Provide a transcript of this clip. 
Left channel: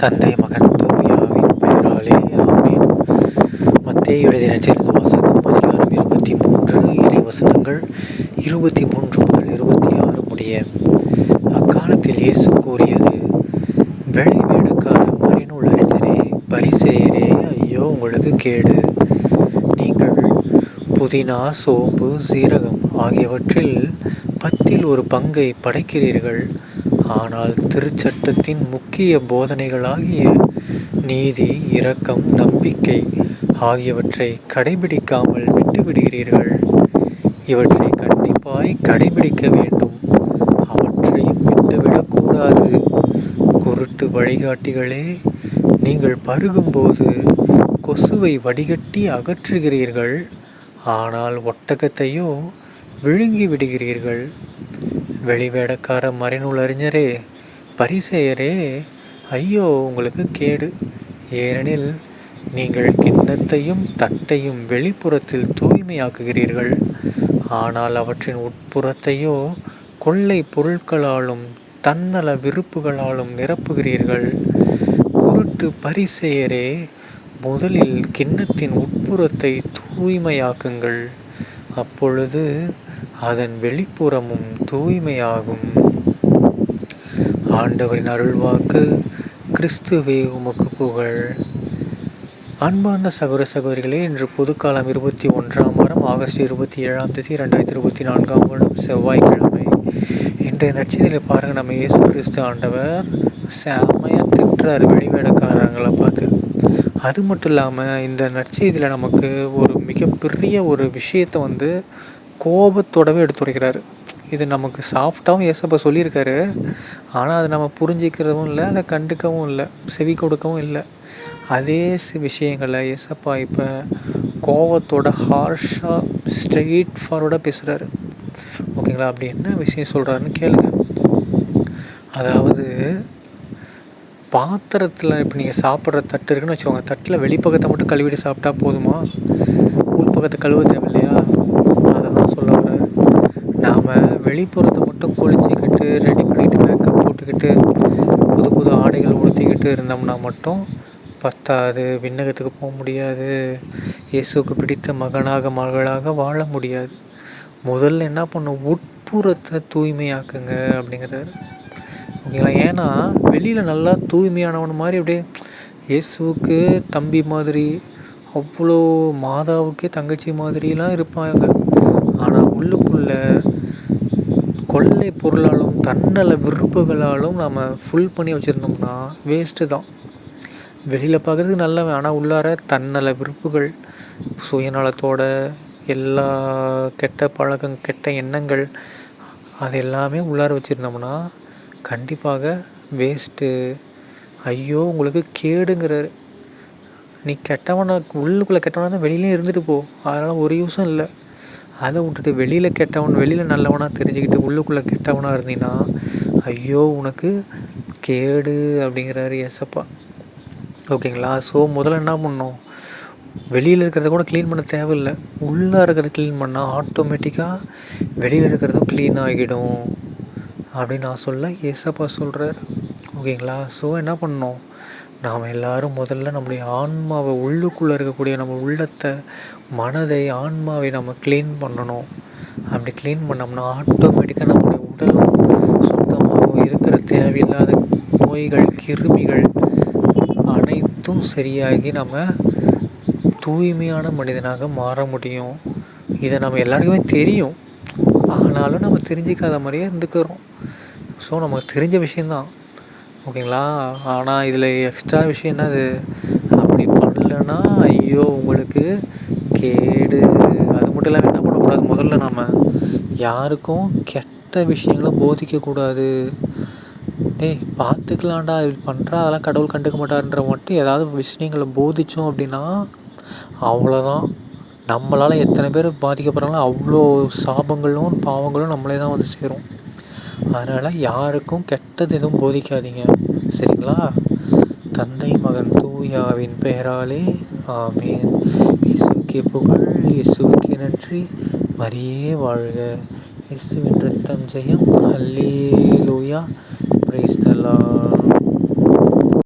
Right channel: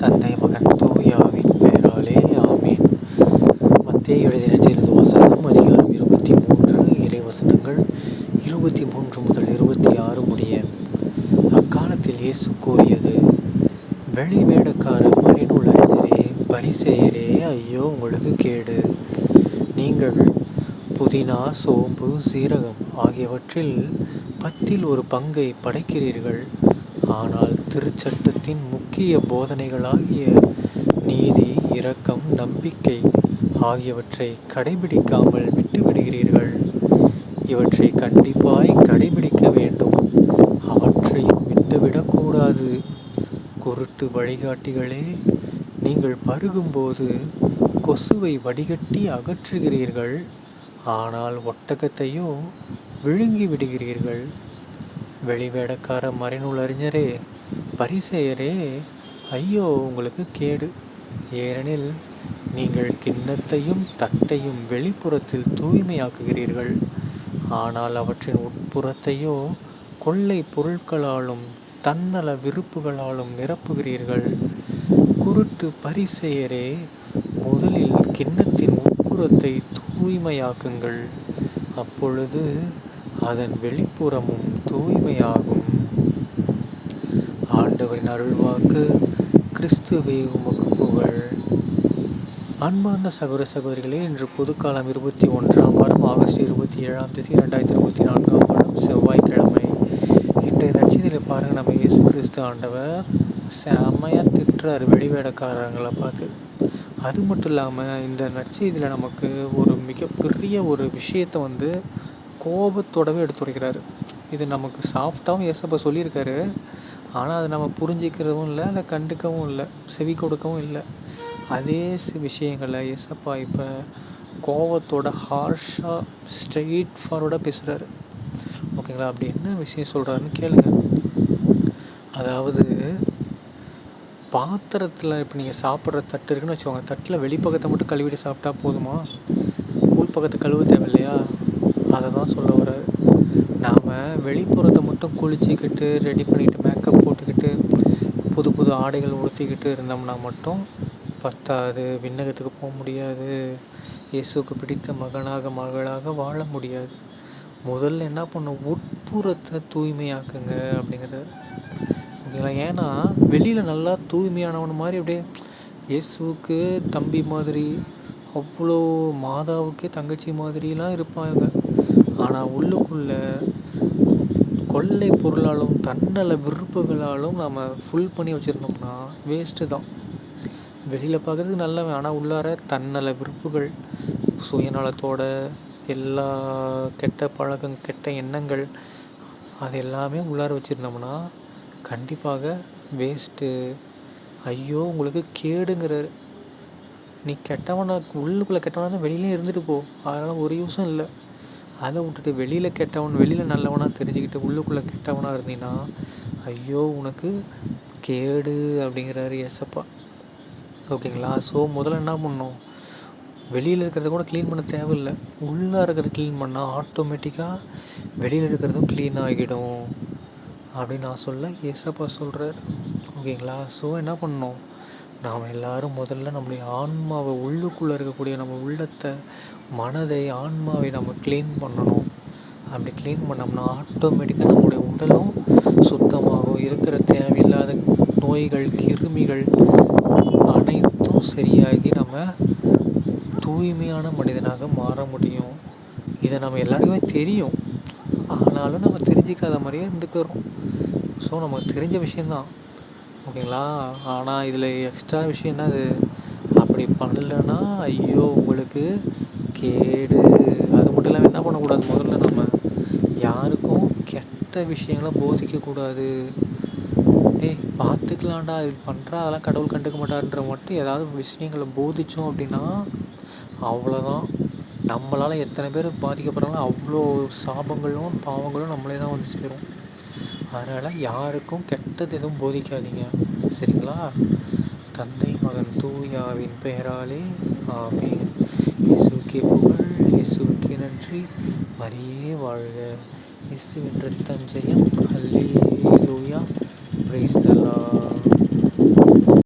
தந்தை மகன் தூயாவின் பெயராலே ஆமேன். மத்திய எழுதின வசனம் அதிகாரம் இருபத்தி மூன்று இறை வசனங்கள் இருபத்தி மூன்று முதல் இருபத்தி ஆறு முடிய அக்காலத்தில் இயேசு கூறியது வெளி வேடக்கார மறைநூல் அறிஞரே பரிசெயரே ஐயோ உங்களுக்கு கேடு. நீங்கள் புதினா சோம்பு சீரகம் ஆகியவற்றில் பத்தில் ஒரு பங்கை படைக்கிறீர்கள். ஆனால் திருச்சட்டத்தின் முக்கிய போதனைகளாகிய நீதி இரக்கம் நம்பிக்கை ஆகியவற்றை கடைபிடிக்காமல் விட்டுவிடுகிறீர்கள். இவற்றை கண்டிப்பாய் கடைபிடிக்க வேண்டும். அவற்றையும் விட்டுவிடக்கூடாது குருட்டு வழிகாட்டிகளே நீங்கள் பருகும்போது கொசுவை வடிகட்டி அகற்றுகிறீர்கள். ஆனால் ஒட்டகத்தையோ விழுங்கி விடுகிறீர்கள் வெளிவேடக்கார மறைநூல் அறிஞரே பரிசெயரே ஐயோ உங்களுக்கு கேடு. ஏனெனில் நீங்கள் கிண்ணத்தையும் தட்டையும் வெளிப்புறத்தில் தூய்மையாக்குகிறீர்கள். ஆனால் அவற்றின் உட்புறத்தையோ கொள்ளை பொருட்களாலும் தன்னல விருப்புகளாலும் நிரப்புகிறீர்கள். குருட்டு பரிசெயரே முதலில் கிண்ணத்தின் உட்புறத்தை தூய்மையாக்குங்கள். அப்பொழுது அதன் வெளிப்புறமும் தூய்மையாகும். ஆண்டவரின் அருள்வாக்கு கிறிஸ்துவே உமக்கு புகழ். அன்பார்ந்த சகோதர சகோதரிகளே இன்று பொதுக்காலம் இருபத்தி ஒன்றாம் வாரம் ஆகஸ்ட் இருபத்தி ஏழாம் தேதி ரெண்டாயிரத்தி இருபத்தி நான்காம் வாரம் செவ்வாய்க்கிழமை. இன்றைய நட்சத்திரத்தில் பாருங்கள் நம்ம இயேசு கிறிஸ்து ஆண்டவர். செம்மையாக திட்டுறார் வெளிவேடக்காரங்களை பார்த்து. அது மட்டும் இல்லாமல் இந்த நற்செய்தியில் நமக்கு ஒரு மிகப்பெரிய ஒரு விஷயத்தை வந்து கோபத்தோடவே எடுத்துரைக்கிறாரு. இது நமக்கு சாஃப்டாகவும் ஏசப்பா சொல்லியிருக்காரு. ஆனால் அதை நம்ம புரிஞ்சிக்கிறதும் இல்லை அதை கண்டுக்கவும் இல்லை செவி கொடுக்கவும் இல்லை. அதே விஷயங்களை ஏசப்பா இப்போ கோவத்தோட ஹார்ஷாக ஸ்ட்ரெயிட் ஃபார்வர்டாக பேசுகிறாரு ஓகேங்களா? அப்படி என்ன விஷயம் சொல்கிறாருன்னு கேளுங்க. அதாவது பாத்திரத்தில் இப்போ நீங்கள் சாப்பிட்ற தட்டு இருக்குன்னு வச்சுக்கோங்க. தட்டில் வெளிப்பக்கத்தை மட்டும் கழுவிட்டு சாப்பிட்டா போதுமா? உள்பக்கத்தை கழுவ தேவை இல்லையா அதை சொல்ல வர்றாரு நாம் வெளிப்புறத்தை மட்டும் குளிச்சுக்கிட்டு ரெடி பண்ணிவிட்டு மேக்கப் போட்டுக்கிட்டு புது புது ஆடைகள் உடுத்திக்கிட்டு இருந்தோம்னா மட்டும் பத்தாது விண்ணகத்துக்கு போக முடியாது. இயேசுக்கு பிடித்த மகனாக மகளாக வாழ முடியாது. முதல்ல என்ன பண்ணும்? உட்புறத்தை தூய்மையாக்குங்க அப்படிங்கிறாரு. ஓகேங்களா? ஏன்னா வெளியில் நல்லா தூய்மையானவன் மாதிரி அப்படியே இயேசுவுக்கு தம்பி மாதிரி அவ்வளோ மாதாவுக்கே தங்கச்சி மாதிரிலாம் இருப்பாங்க. ஆனால் உள்ளுக்குள்ள கொள்ளை பொருளாலும் தன்னல விருப்புகளாலும் நம்ம ஃபுல் பண்ணி வச்சுருந்தோம்னா வேஸ்ட்டு தான். வெளியில் பார்க்குறதுக்கு நல்லவன் ஆனால் உள்ளார தன்னல விருப்புகள் சுயநலத்தோட எல்லா கெட்ட பழக்கம் கெட்ட எண்ணங்கள் அது எல்லாமே உள்ளார வச்சுருந்தோம்னா கண்டிப்பாக வேஸ்ட்டு ஐயோ உங்களுக்கு கேடுங்கிற நீ கெட்டவனாக உள்ளுக்குள்ளே கெட்டவனாக தான் வெளியிலையும் இருந்துட்டு போ. அதனால் ஒரு யூஸும் இல்லை. அதை விட்டுட்டு வெளியில் கெட்டவன் வெளியில் நல்லவனாக தெரிஞ்சுக்கிட்டு உள்ளுக்குள்ளே கெட்டவனாக இருந்தீங்கன்னா ஐயோ உனக்கு கேடு அப்படிங்கிறாரு எஸ்அப்பா ஓகேங்களா? ஸோ முதல்ல என்ன பண்ணோம் வெளியில் இருக்கிறத கூட க்ளீன் பண்ண தேவையில்லை. உள்ளே இருக்கிறத க்ளீன் பண்ணால் ஆட்டோமேட்டிக்காக வெளியில் இருக்கிறதும் க்ளீன் ஆகிடும் அப்படின்னு நான் சொல்ல ஏசப்பா சொல்கிறார் ஓகேங்களா? ஸோ என்ன பண்ணணும்? நாம் எல்லாரும் முதல்ல நம்முடைய ஆன்மாவை உள்ளுக்குள்ளே இருக்கக்கூடிய நம்ம உள்ளத்தை மனதை ஆன்மாவை நம்ம க்ளீன் பண்ணணும். அப்படி க்ளீன் பண்ணோம்னா ஆட்டோமேட்டிக்காக நம்முடைய உடலும் சுத்தமாகவும் இருக்கிற தேவையில்லாத நோய்கள் கிருமிகள் அனைத்தும் சரியாகி நம்ம தூய்மையான மனிதனாக மாற முடியும். இதை நம்ம எல்லாருக்குமே தெரியும். ஆனாலும் நம்ம தெரிஞ்சிக்காத மாதிரியே இருந்துக்கிறோம். ஸோ நமக்கு தெரிஞ்ச விஷயந்தான் ஓகேங்களா? ஆனால் இதில் எக்ஸ்ட்ரா விஷயம் என்னது? அப்படி பண்ணலன்னா ஐயோ உங்களுக்கு கேடு. அது மட்டும் இல்லாமல் என்ன பண்ணக்கூடாது முதல்ல நம்ம யாருக்கும் கெட்ட விஷயங்களை போதிக்கக்கூடாது டேய் பார்த்துக்கலாம்டா இது பண்ணுறா அதெல்லாம் கடவுள் கண்டுக்க மாட்டார்ன்ற மட்டும் ஏதாவது விஷயங்களை போதித்தோம் அப்படின்னா அவ்வளோதான் நம்மளால் எத்தனை பேர் பாதிக்கப்படுறாங்களோ அவ்வளோ சாபங்களும் பாவங்களும் நம்மளே தான் வந்து சேரும். அதனால் யாருக்கும் கெட்டது எதுவும் போதிக்காதீங்க. சரிங்களா? தந்தை மகன் தூயாவின் பெயராலே ஆமேன். இயேசுக்கே புகழ் இயேசுக்கே நன்றி. மரியே வாழ்க. இயேசுவின் ரத்தம் ஜெயம். அல்லே லூயா பிரைஸ்